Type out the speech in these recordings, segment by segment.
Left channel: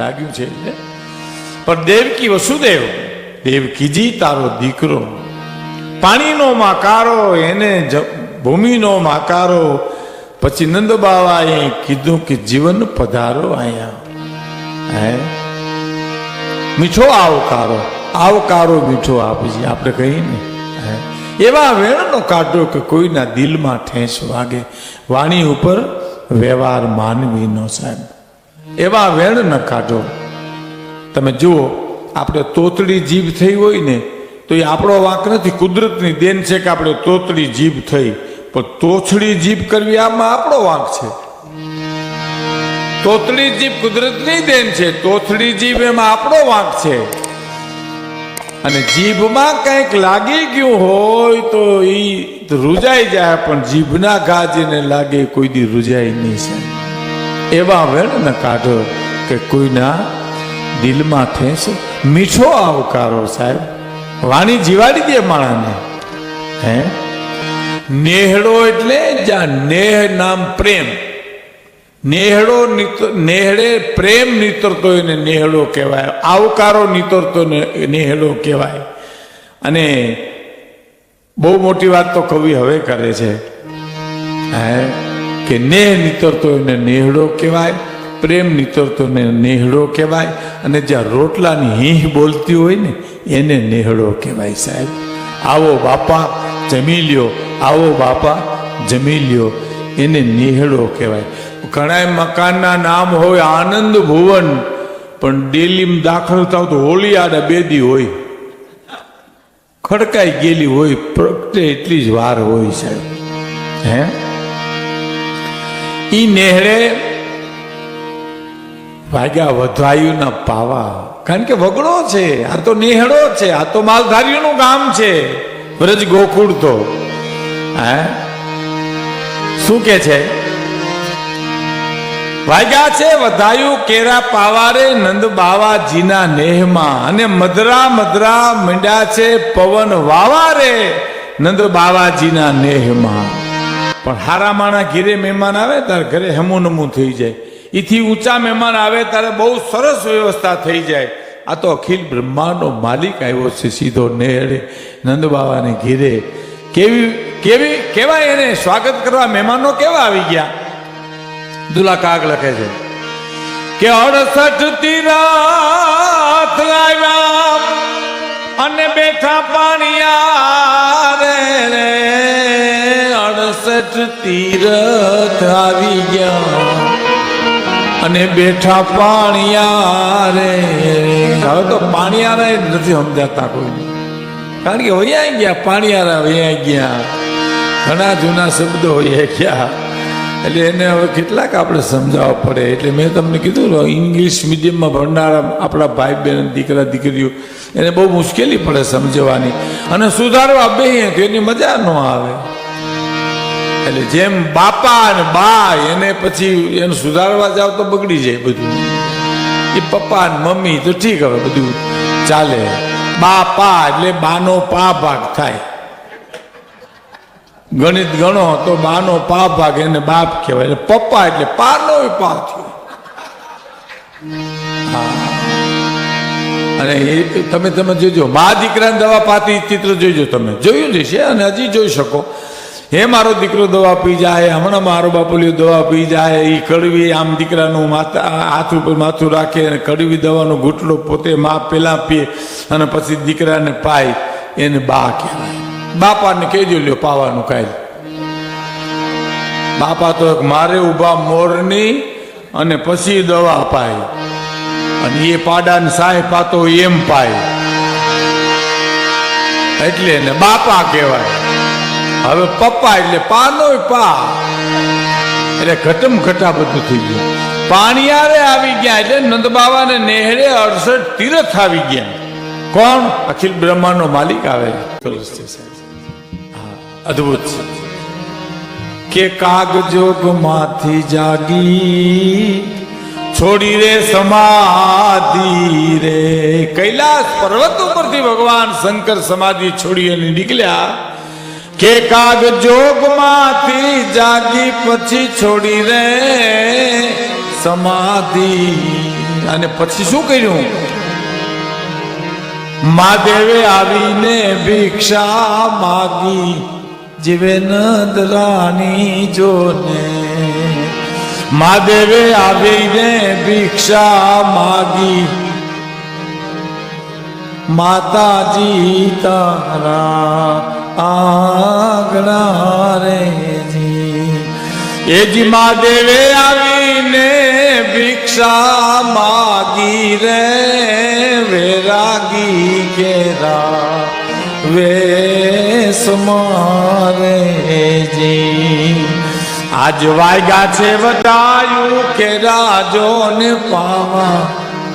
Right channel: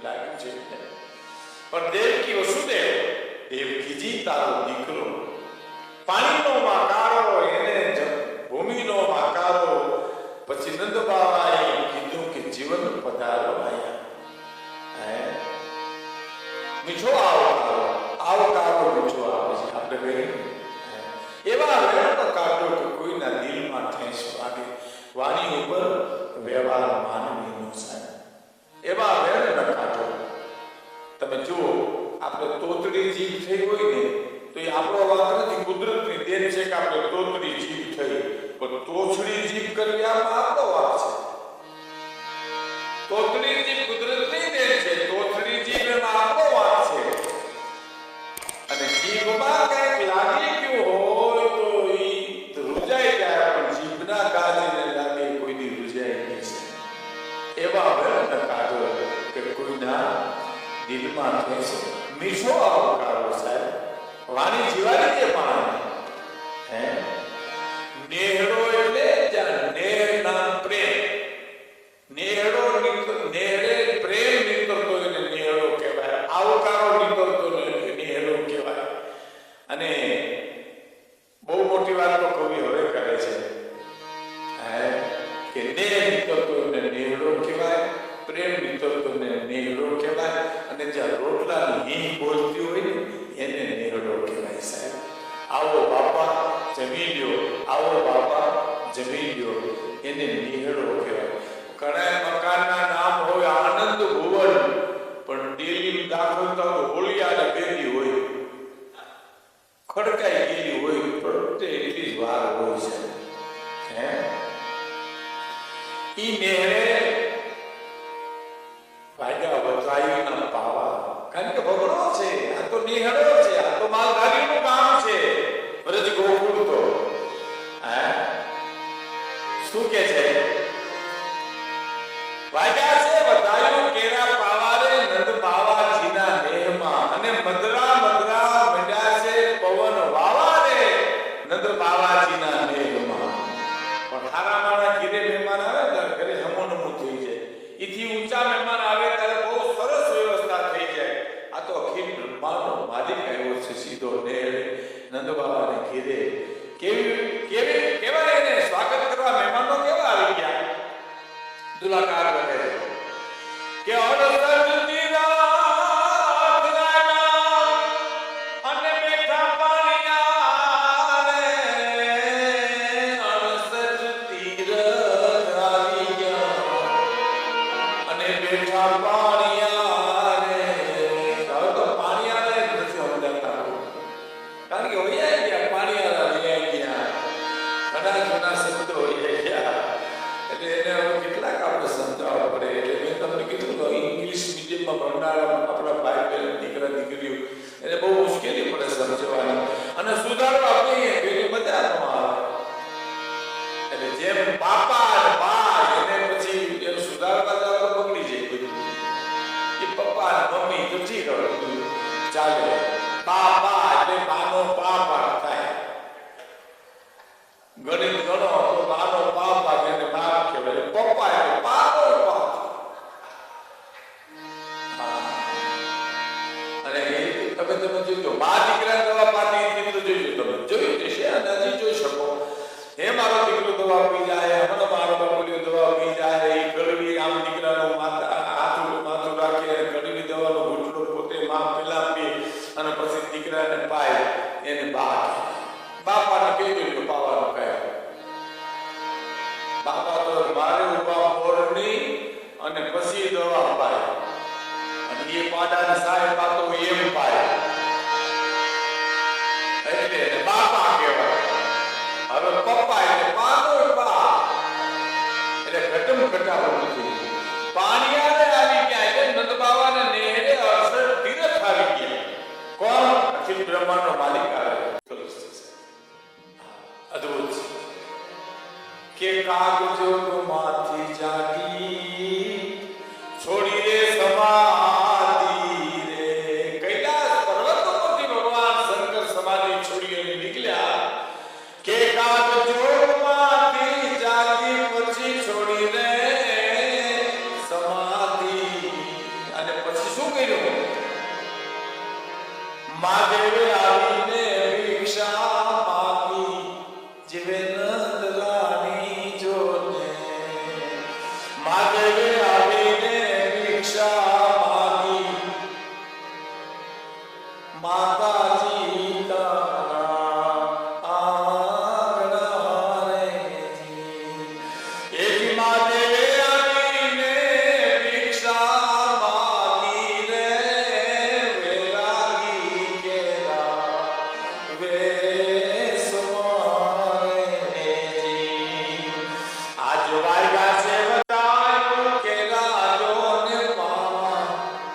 લાગ્યું છે, એટલે? પણ દેવકી વસુદેવ, દેવકીજી તારો દીકરો. પાણીનો માકારો, એને ભૂમિનો માકારો. પછી નંદ બાવાએ કીધું કે જીવન પધારો અહીંયા. હે? મીઠો આવકારો આવકારો મીઠો આપજી, આપણે કહીએ ને. એવા વેણનો કાઢો કે કોઈના દિલમાં ઠેંસ વાગે. વાણી ઉપર વ્યવહાર માનવીનો સાહેબ. એવા વેણ ન કાઢો. તમે જુઓ, આપણે તોતડી જીભ થઈ હોય ને, તો એ આપણો વાંક નથી, કુદરતની દેન છે કે આપણે તોતડી જીભ થઈ. પણ તોછડી જીભ કરવી આમાં આપણો વાંક છે. તોતડી જીભ કુદરતની દેન છે તોથડી જીભ એમાં આપણો વાંક છે. અને જીભમાં કંઈક લાગી ગયું હોય તો એ રૂજાઈ જાય, પણ જીભના ઘા જેને લાગે કોઈ દી રૂજાય નહીં સાહેબ એવા વેણને કાઢ્યો કે કોઈના દિલમાં ઠેસ મીઠો આવકારો સાહેબ. વાણી જીવાડી દે માણસને હે? નેહડો એટલે જ્યાં નેહ નામ પ્રેમ. નેહડો નેહડે પ્રેમ નીતરતો એને નેહડો કહેવાય. આવકારો નીતરતો નેહડો કહેવાય. અને બહુ મોટી વાત તો કવિ હવે કરે છે. હે? કે નેહ નીતરતો એને નેહડો કહેવાય, પ્રેમ નીતરતો એને નેહડો કહેવાય, અને જ્યાં રોટલાની હીહ બોલતી હોય ને, એને નેહડો કહેવાય સાહેબ. આવો બાપા જમી લ્યો આવો બાપા જમી લ્યો એને નેહડો કહેવાય. ઘણા મકાનના નામ હોય આનંદ ભુવન, પણ ડેલીમાં દાખલ થાવ તો હોળી આડે બેદી હોય. ખડકાઈ ગયેલી હોય, પ્રગટે એટલી જ વાર હોય સાહેબ. હે? ઈ નેહરે ભાગ્યા વધાયુના પાવા. કારણ કે વગડો છે, આ તો નેહડો છે, આ તો માલધારીઓનું ગામ છે. વ્રજ ગોકુળ તો. હે? શું કે છે? વાગ્યા છે વધાયું કેરા પાવારે નંદ બાવાજીના નેહમાં અને મધરા મધરા મંડ્યા છે પવન વાવારે નંદ બાવાજીના નેહમાં. પણ હારા માણા ઘીરે મહેમાન આવે ત્યારે ઘરે હમુનમું થઈ જાય. એથી ઊંચા મહેમાન આવે ત્યારે બહુ સરસ વ્યવસ્થા થઈ જાય. આ તો અખિલ બ્રહ્માંડનો માલિક આવ્યો છે, સીધો નેહડે નંદ બાવાને ઘીરે. કેવી કેવી કેવા એને? સ્વાગત કરવા મહેમાનો કેવા આવી ગયા? દુલા કાગ લખે છે, કે અડસઠ તીરથ આવ્યા અને બેઠા પાણીયા અડસઠ તીરથ આવી ગયા. અને બેઠા પાણીયારે હવે તો પાણીયારા જ નથી સમજાતા કોઈ. કારણ કે વૈયા ગયા પાણીયારા વૈયા ગયા. ઘણા જૂના શબ્દો વૈયા ગયા. એટલે એને હવે કેટલાક આપણે સમજાવવા પડે. એટલે મેં તમને કીધું ઇંગ્લિશ મીડિયમમાં ભણનારા આપણા ભાઈ બહેન દીકરા, દીકરીઓ, એને બહુ મુશ્કેલી પડે સમજવાની. અને સુધારવા બે એની મજા ન આવે. એટલે જેમ બાપા અને બા એને પછી એને સુધારવા જાવ તો બગડી જાય બધું. એ પપ્પા અને મમ્મી તો ઠીક હવે બધું ચાલે. બાપા એટલે બાનો પા ભાગ થાય. ગણિત ગણો તો બાનો પા ભાગ એને બાપ કહેવાય. એટલે પપ્પા એટલે પાનો પા થયો. અને એ તમે તમે જોજો. મા દીકરાને દવા પાતી ચિત્ર જોઈજો તમે. જોયું જ છે અને હજી જોઈ શકો. હે મારો દીકરો દવા પી જાય, હમણાં મારો બાપુલિયો દવા પી જાય એ કડવી આમ દીકરાનું માથા હાથ ઉપર માથું રાખે અને કડવી દવાનો ઘૂંટડો પોતે મા પેલા પીએ અને પછી દીકરાને પાય, એને બા કહેવાય. બાપાને કહેજો લ્યો પાવાનું કાંઈ બાપા તો મારે ઊભા મોરની અને પછી દવા પાય. અને એ પાડાને સાય પાતો એમ પાય. એટલે એને બાપા કહેવાય. હવે પપ્પા એટલે પાનો પા. એટલે ઘટમ ઘટા બધું થઈ ગયું. પાણીયારે આવી ગયા એટલે નંદ બાવાને નેહરે અડસઠ તીરથ આવી ગયા. કોણ? અખિલ બ્રહ્માંડનો માલિક આવે અદભુત અદ્ભુત છે. કે કાગજોગમાંથી જાગી છોડી રે સમાધિ રે. કૈલાસ પર્વત ઉપરથી ભગવાન શંકર સમાધિ છોડી અને નીકળ્યા. કે કાગમાંથી જાગી પછી છોડી રે સમાધિ. અને પછી શું કર્યું? મહાદેવે આવીને ભિક્ષા માગી જીવે રાણી જોને. મહાદેવે આવીને ભિક્ષા માગી માતાજી તારા આંગણા રે જી. એ જી મહાદેવે આવીને ભિક્ષા માગી રે, વેરાગી કેરા વેસ મારે જી. આજ વાયગા છે વટાયું કે રાજો ને પાવા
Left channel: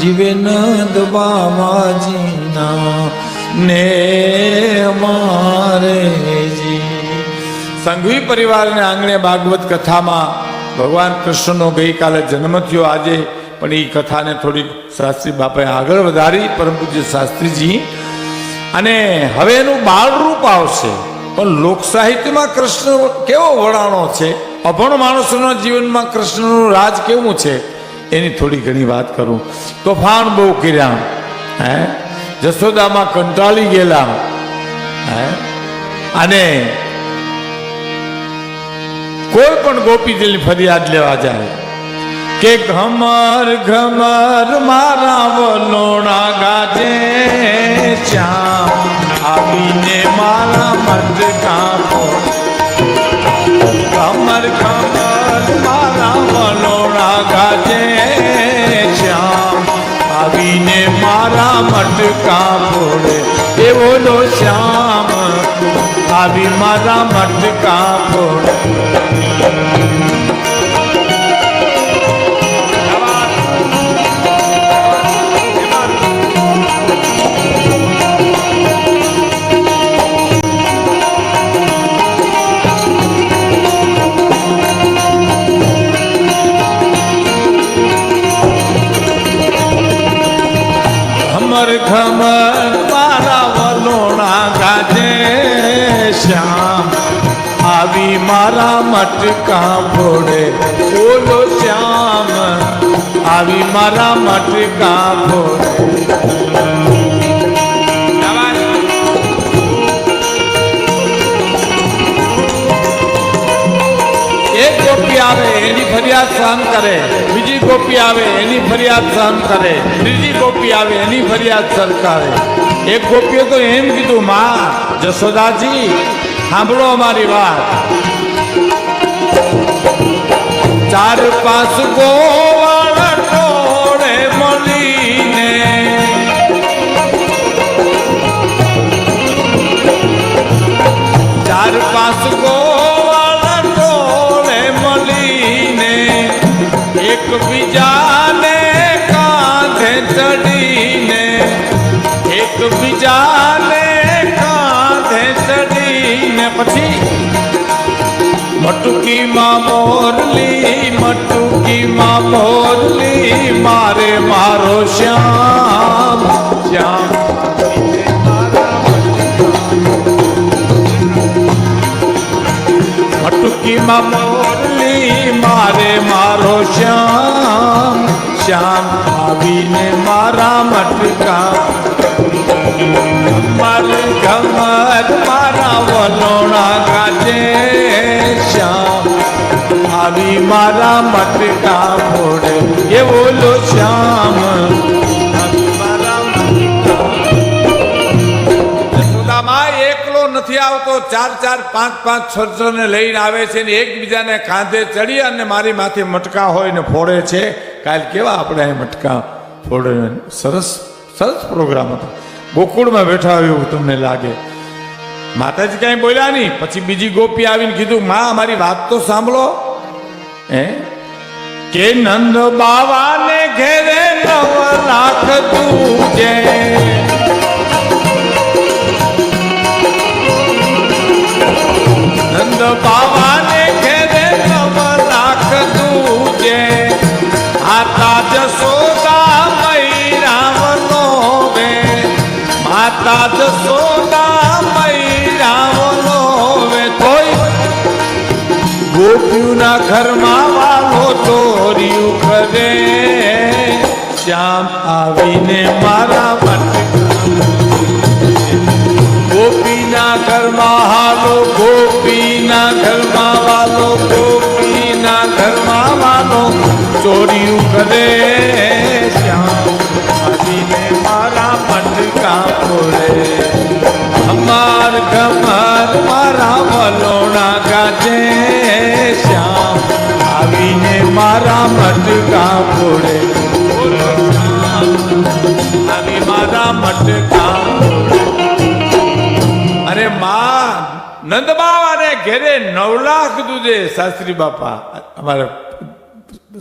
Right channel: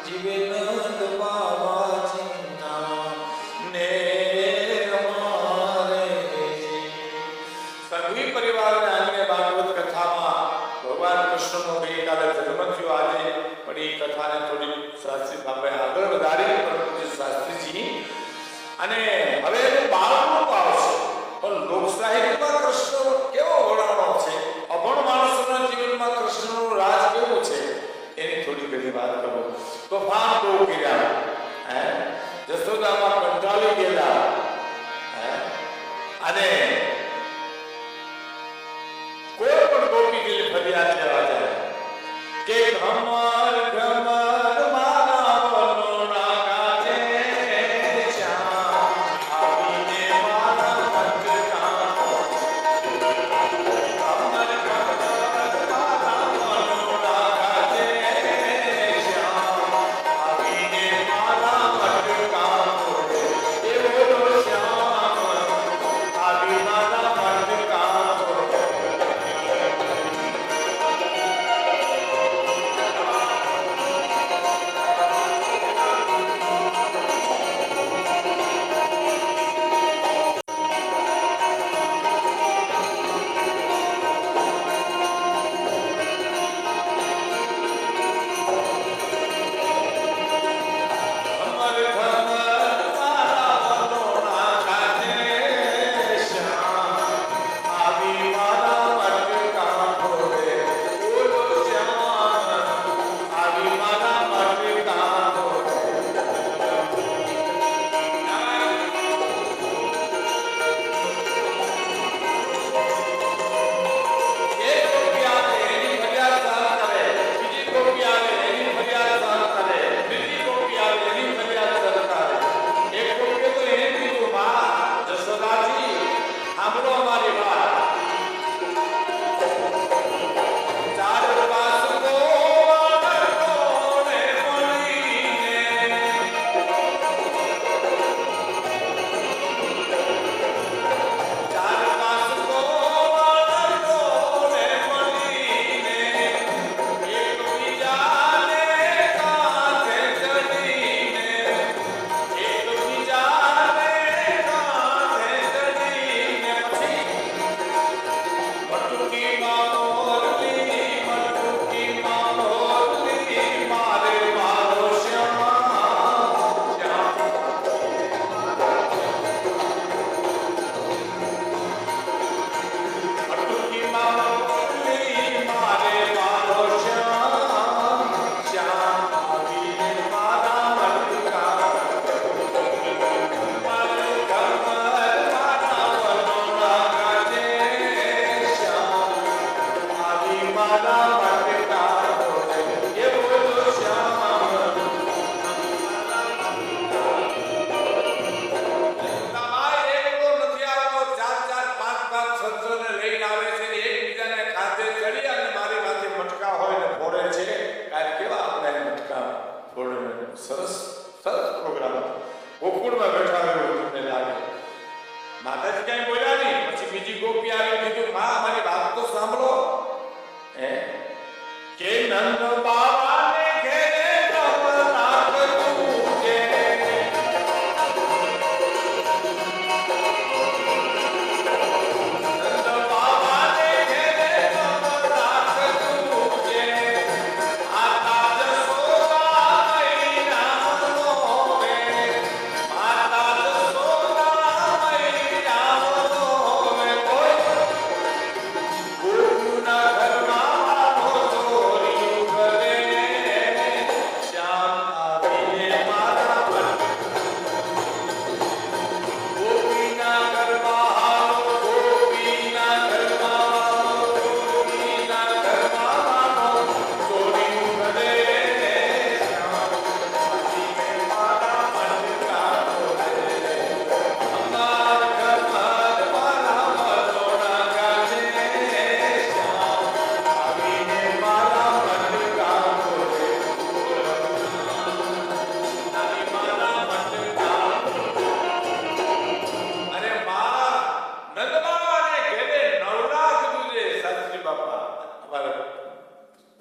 જીવે નંદ બાવાજીના ને સંઘવી પરિવારને આંગણે ભાગવત કથામાં ભગવાન કૃષ્ણનો ગઈકાલે જન્મ થયો આજે, પણ એ કથાને થોડી શાસ્ત્રી બાપાએ આગળ વધારી પરમ પૂજ્ય શાસ્ત્રીજી, અને હવે એનું બાળ રૂપ આવશે. પણ લોક સાહિત્યમાં કૃષ્ણ કેવો વળાણો છે? અભણ માણસોના જીવનમાં કૃષ્ણનું રાજ કેવું છે? એની થોડી ઘણી વાત કરું. તોફાન બહુ કર્યા. હે? જશોદામાં કંટાળી ગયેલા. હે? અને કોઈ પણ ગોપીજીની ફરિયાદ લેવા જાય કે ઘમર ઘમર મારા વલોણા ગાજે, શ્યામ આવીને મારા મત કાપો ઘમર ઘમર મટકા ફોડે બોલો શ્યામ, આવી મારા મટકા ફોડે ફરિયાદ સહન કરે. બીજી કોપી આવે, એની ફરિયાદ સહન કરે. ત્રીજી કોપી આવે, એની ફરિયાદ સરકારે. એક ગોપીએ તો એમ કીધું, માં, જશોદાજી, સાંભળો અમારી વાત. ચાર પાસ ગોવાળ ટોળે મળીને. ચાર પાંચ ગોવાળા ટોળે મળીને એકબીજાને કાંધે ચડીને. પછી મટુકીમાં મોરલી મટુકીમાં મોરલી મારે મારો શ્યામ શ્યામ. મટુકીમાં મોરલી પાંચ પાંચ છોને લઈને આવે છે ને એકબીજાને કાંધે ચડી અને મારી માથે મટકા હોય ને ફોડે છે. કાલ કેવા આપણે અહીં મટકા ફોડે સરસ સરસ પ્રોગ્રામ હતો. ગોકુળમાં બેઠા હોય એવું તમને લાગે. માતાજી કાંઈ બોલ્યા નહીં. પછી બીજી ગોપી આવીને કીધું, માં, મારી વાત તો સાંભળો. હે? કે નંદ બાવાને ઘેરે નવ લાખ તું નંદ બાવાને નંદબાવાને ઘેરે નવ લાખ દૂધે શાસ્ત્રી બાપા, અમારા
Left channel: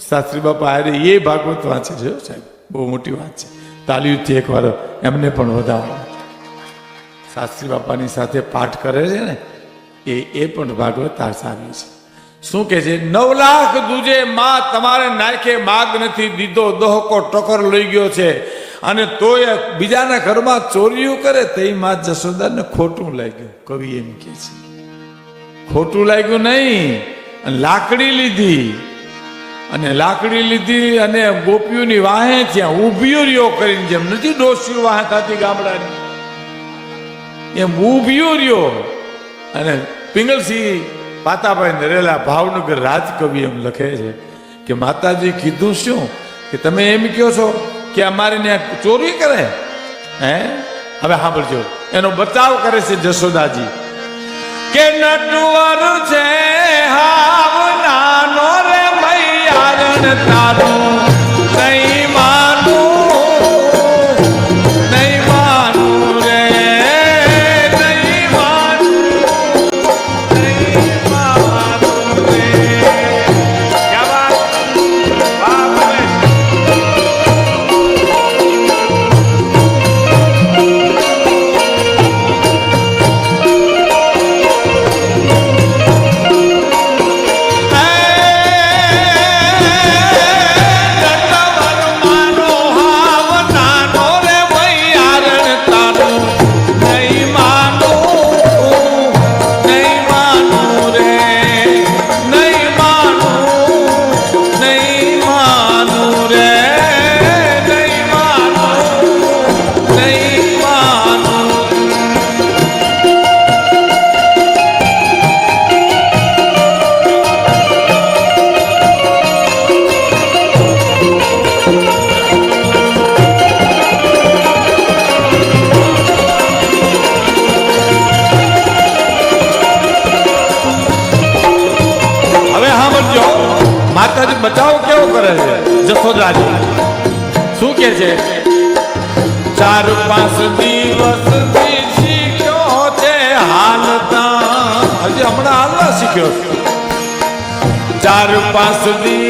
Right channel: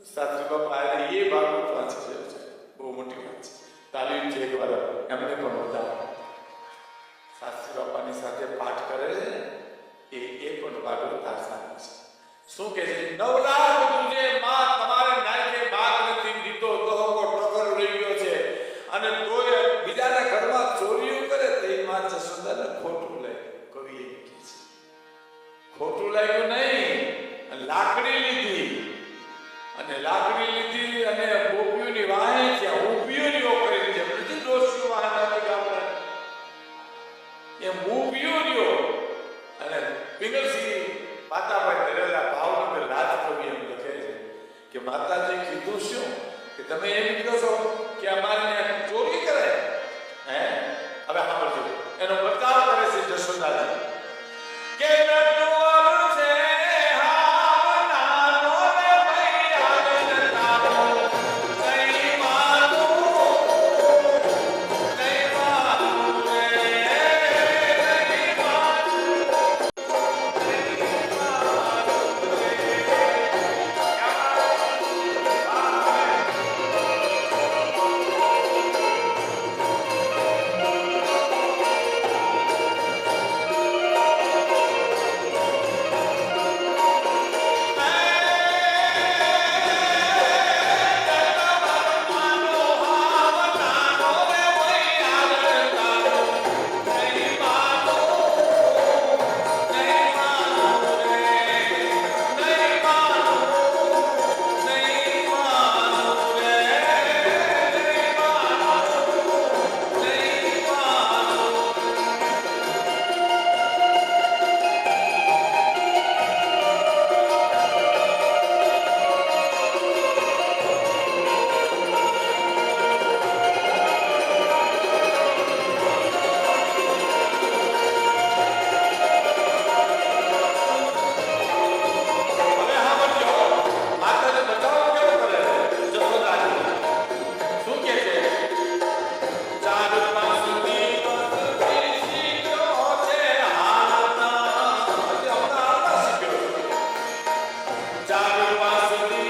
શાસ્ત્રી બાપા અરે એ ભાગવત વાંચે છે, સાહેબ. બહુ મોટી વાત છે. તાલીઓથી એકવાર એમને પણ વધાવો. શાસ્ત્રી બાપાની સાથે પાઠ કરે છે ને, એ એ પણ ભાગવત આ સારી છે. શું કે છે? નવ લાખ દૂજે માં તમારે નાખે માગ નથી દીધો, દોહકો ટકર લઈ ગયો છે. અને તોય બીજાના ઘરમાં ચોરીઓ કરે તે માં જશોદાને ખોટું લાગ્યું. કવિ એમ કે છે. ખોટું લાગ્યું નહીં લાકડી લીધી. અને લાકડી લીધી અને ગોપીઓની વાહે ત્યાં ઉભીઓ રહ્યો કરીને જેમ નથી ડોસીઓ વાહે થતી ગામડાની, એમ ઉભીઓ રહ્યો. અને પિંગલસિંહ પાતાભાઈ નરેલા ભાવનગર રાજકવિ એમ લખે છે કે માતાજી કીધું શું? કે તમે એમ કહો છો કે અમારી ત્યાં ચોરી કરે? હે? હવે સાંભળજો. એનો બચાવ કરે છે જશોદાજી. કે નટવર છે હાવ નાનો રે મૈયારણ તારું. ચાર પાંચ દિવસથી શીખ્યો હાલતા હજી હમણાં હાલવા શીખ્યો ચાર પાંચથી